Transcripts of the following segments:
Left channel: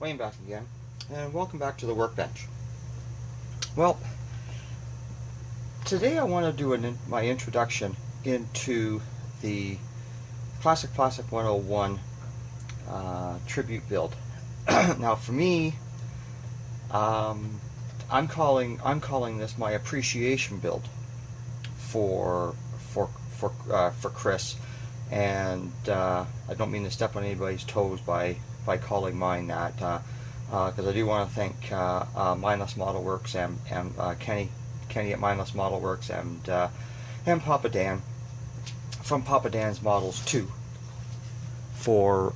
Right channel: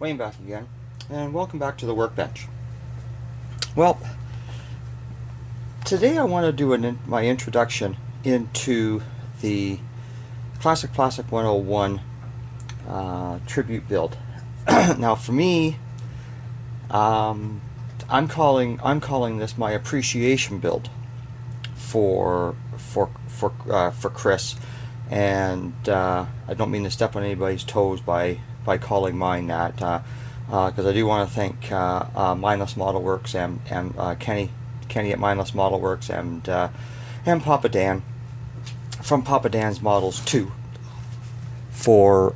Wayne back again, and welcome back to the workbench. Well, today I want to do my introduction into the Classic 101 tribute build. Now, for me, I'm calling this my appreciation build for Chris, and I don't mean to step on anybody's toes by calling mine that, because I do want to thank Mindless Model Works and Kenny at Mindless Model Works and Papa Dan from Papa Dan's Models 2 for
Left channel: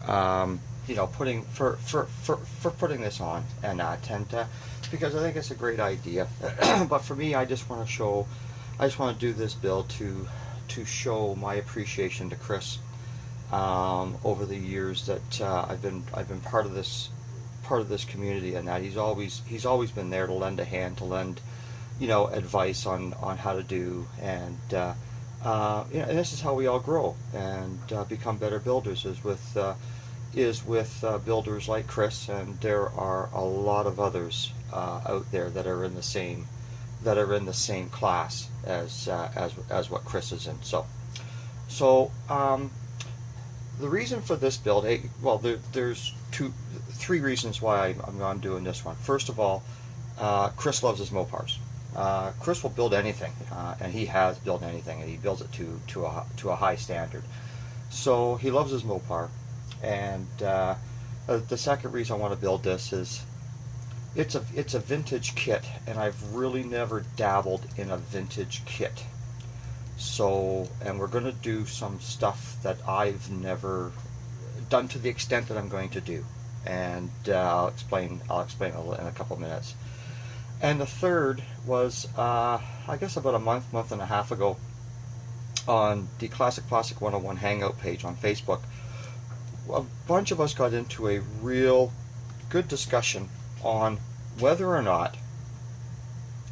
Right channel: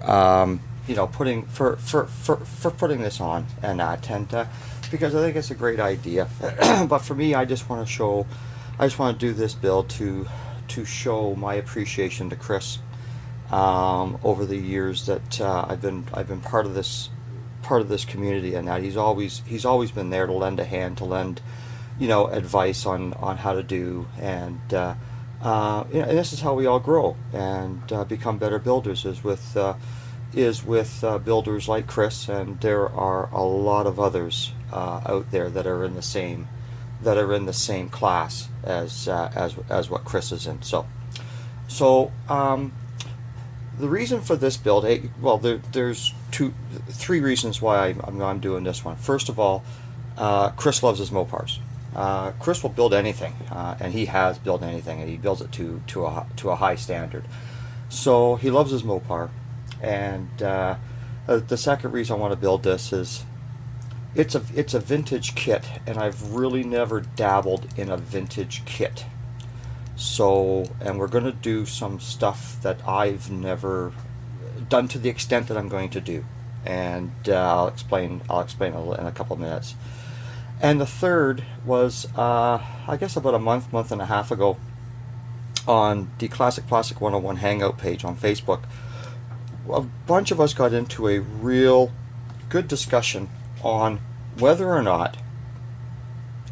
putting this on and that, and because I think it's a great idea. But for me, I just want to do this build to show my appreciation to Chris over the years that I've been part of this community, and that he's always been there to lend a hand, to lend advice on how to do, and and this is how we all grow and become better builders, is with builders like Chris, and there are a lot of others out there that are in the same class as what Chris is in. So the reason for this build, well, there's three reasons why I'm doing this one. First of all, Chris loves his Mopars. Chris will build anything, and he has built anything, and he builds it to a high standard. So he loves his Mopar, and the second reason I want to build this is it's a vintage kit, and I've really never dabbled in a vintage kit. So, and we're going to do some stuff that I've never done to the extent that I'm going to do, and I'll explain in a couple of minutes. And the third was, I guess about a month and a half ago, on the Classic 101 Hangout page on Facebook, a bunch of us got into a real good discussion on whether or not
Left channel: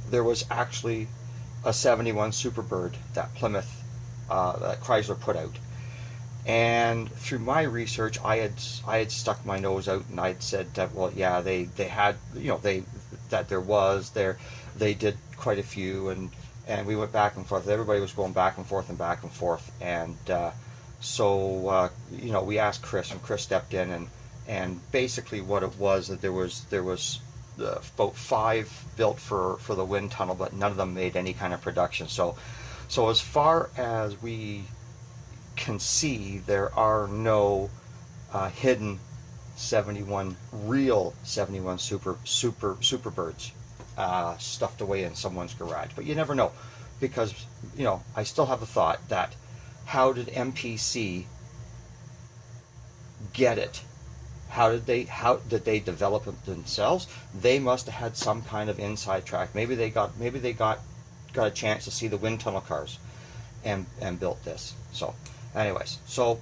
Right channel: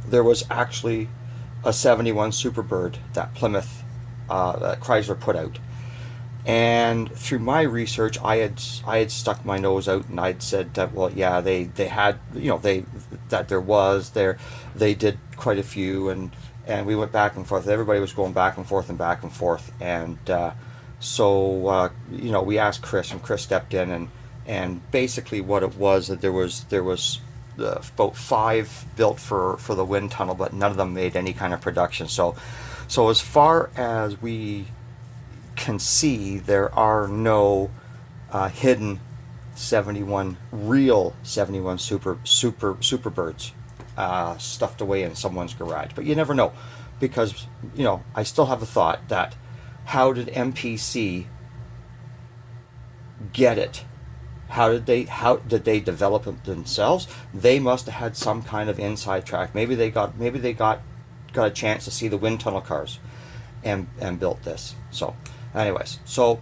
there was actually a 71 Superbird that Plymouth, that Chrysler put out. And through my research, I had stuck my nose out, and I'd said that, well, yeah, they had, they did quite a few, and we went back and forth. Everybody was going back and forth, and so we asked Chris, and Chris stepped in, and basically what it was, that there was about 5 built for the wind tunnel, but none of them made any kind of production. So as far as we can see, there are no hidden real 71 Superbirds stuffed away in someone's garage. But you never know, because I still have a thought that, how did MPC get it? How did they develop it themselves? They must have had some kind of inside track. Maybe they got a chance to see the wind tunnel cars and built this. So anyways, so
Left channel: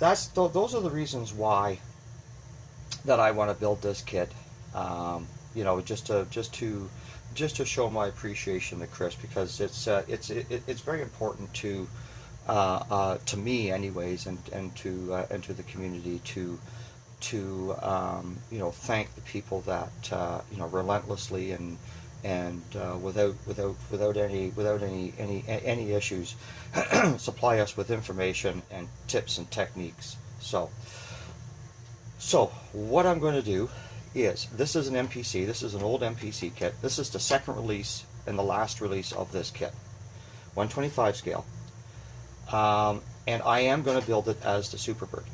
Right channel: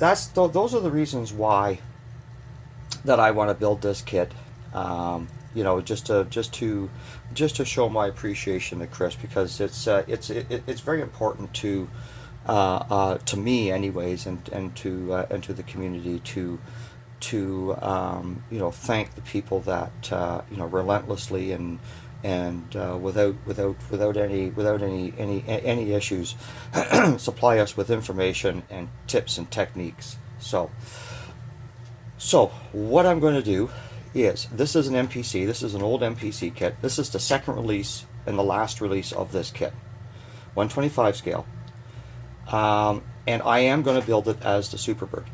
those are the reasons why that I want to build this kit. Just to show my appreciation to Chris, because it's very important to me anyways, and to the community, to thank the people that relentlessly and without any issues supply us with information and tips and techniques. So what I'm going to do is, this is an MPC, this is an old MPC kit. This is the second release and the last release of this kit, 125 scale. And I am going to build it as the Superbird.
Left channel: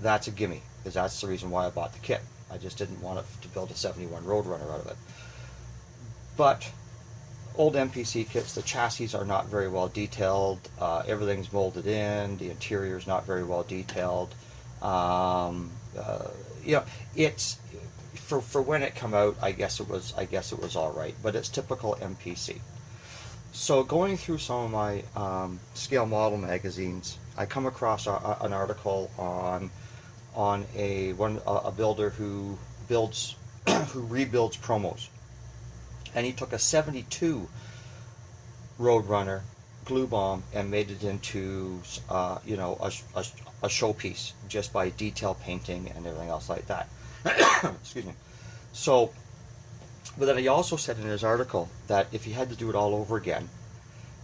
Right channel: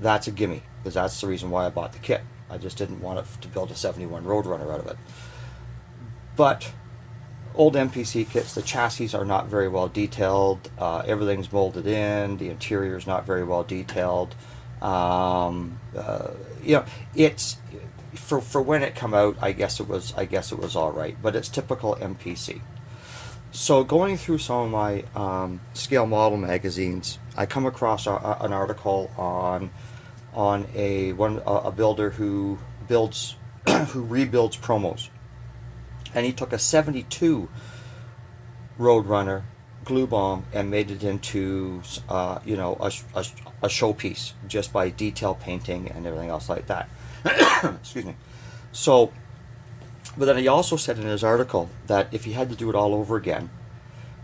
That's a gimme, because that's the reason why I bought the kit. I just didn't want to build a 71 Roadrunner out of it. But old MPC kits, the chassis are not very well detailed. Everything's molded in. The interior is not very well detailed. It's for when it came out, I guess it was all right, but it's typical MPC. So going through some of my scale model magazines, I come across an article on a builder who rebuilds promos, and he took a 72 Roadrunner glue bomb and made it into a showpiece just by detail painting and everything else like that. Excuse me. So, but then he also said in his article that if he had to do it all over again,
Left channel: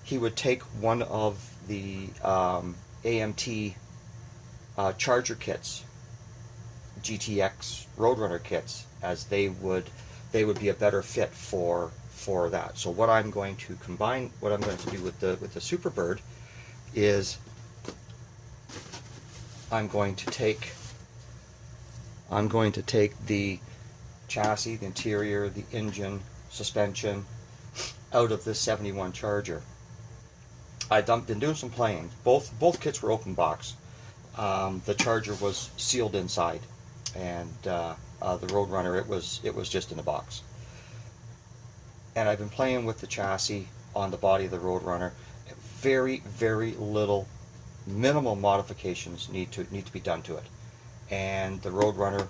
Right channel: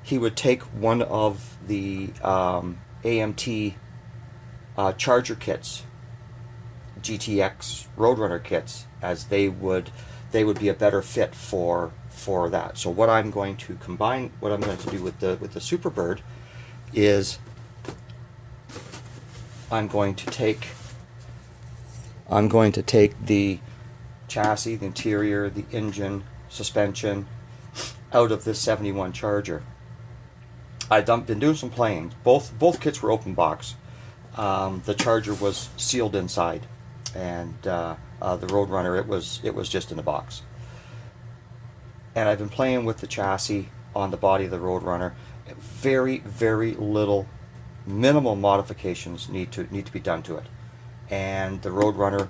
he would take one of the AMT Charger kits, GTX Roadrunner kits, as they would be a better fit for that. So what I'm going to combine, what I'm going to do with the Superbird is I'm going to take the chassis, the interior, the engine, suspension out of this 71 Charger. I've been doing some playing. Both kits were open box. The Charger was sealed inside, and the Roadrunner it was just in a box. And I've been playing with the chassis on the body of the Roadrunner. Very, very little, minimal modifications need to be done to it. And the Roadrunner,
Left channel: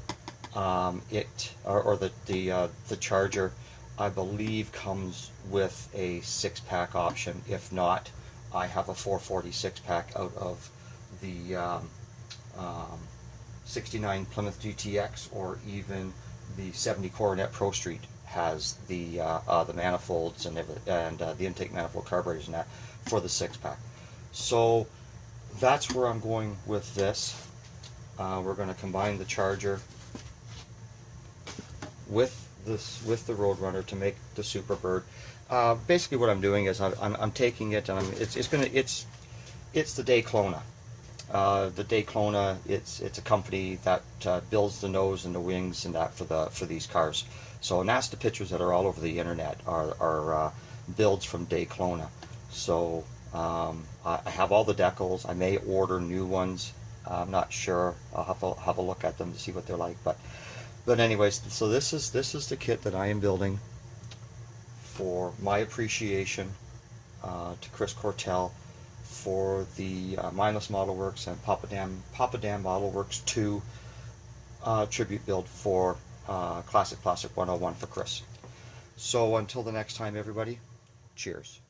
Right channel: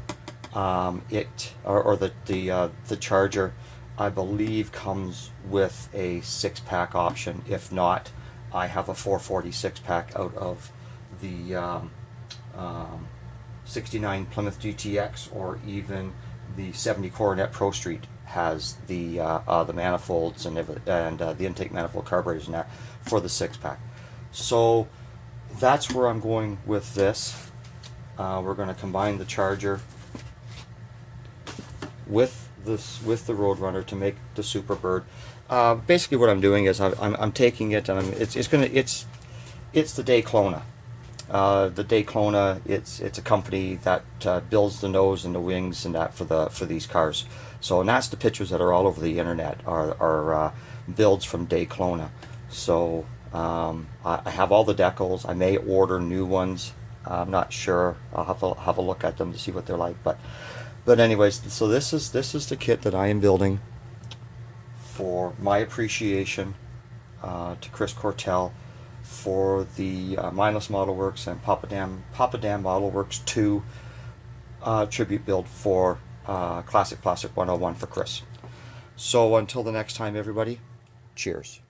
the Charger, I believe comes with a 6-pack option. If not, I have a 446 pack out of the 69 Plymouth GTX, or even the 70 Coronet Pro Street has the manifolds and the intake manifold carburetors and that for the 6-pack. So that's where I'm going with this. We're going to combine the Charger with the Roadrunner to make the Superbird. Basically, what I'm doing is I'm taking it and it's the Dayclona. The Dayclona, it's a company that builds the nose and the wings and that for these cars. So, and that's the pictures that are all over the internet are builds from Dayclona. So I have all the decals. I may order new ones. I'm not sure. I'll have a look at them to see what they're like. But anyways, so this is the kit that I am building for my appreciation to Chris Cortell for the Mindless Model Works and Papa Dan Model Works 2 tribute build for Classic 101 for Chris. So until the next time, everybody, cheers.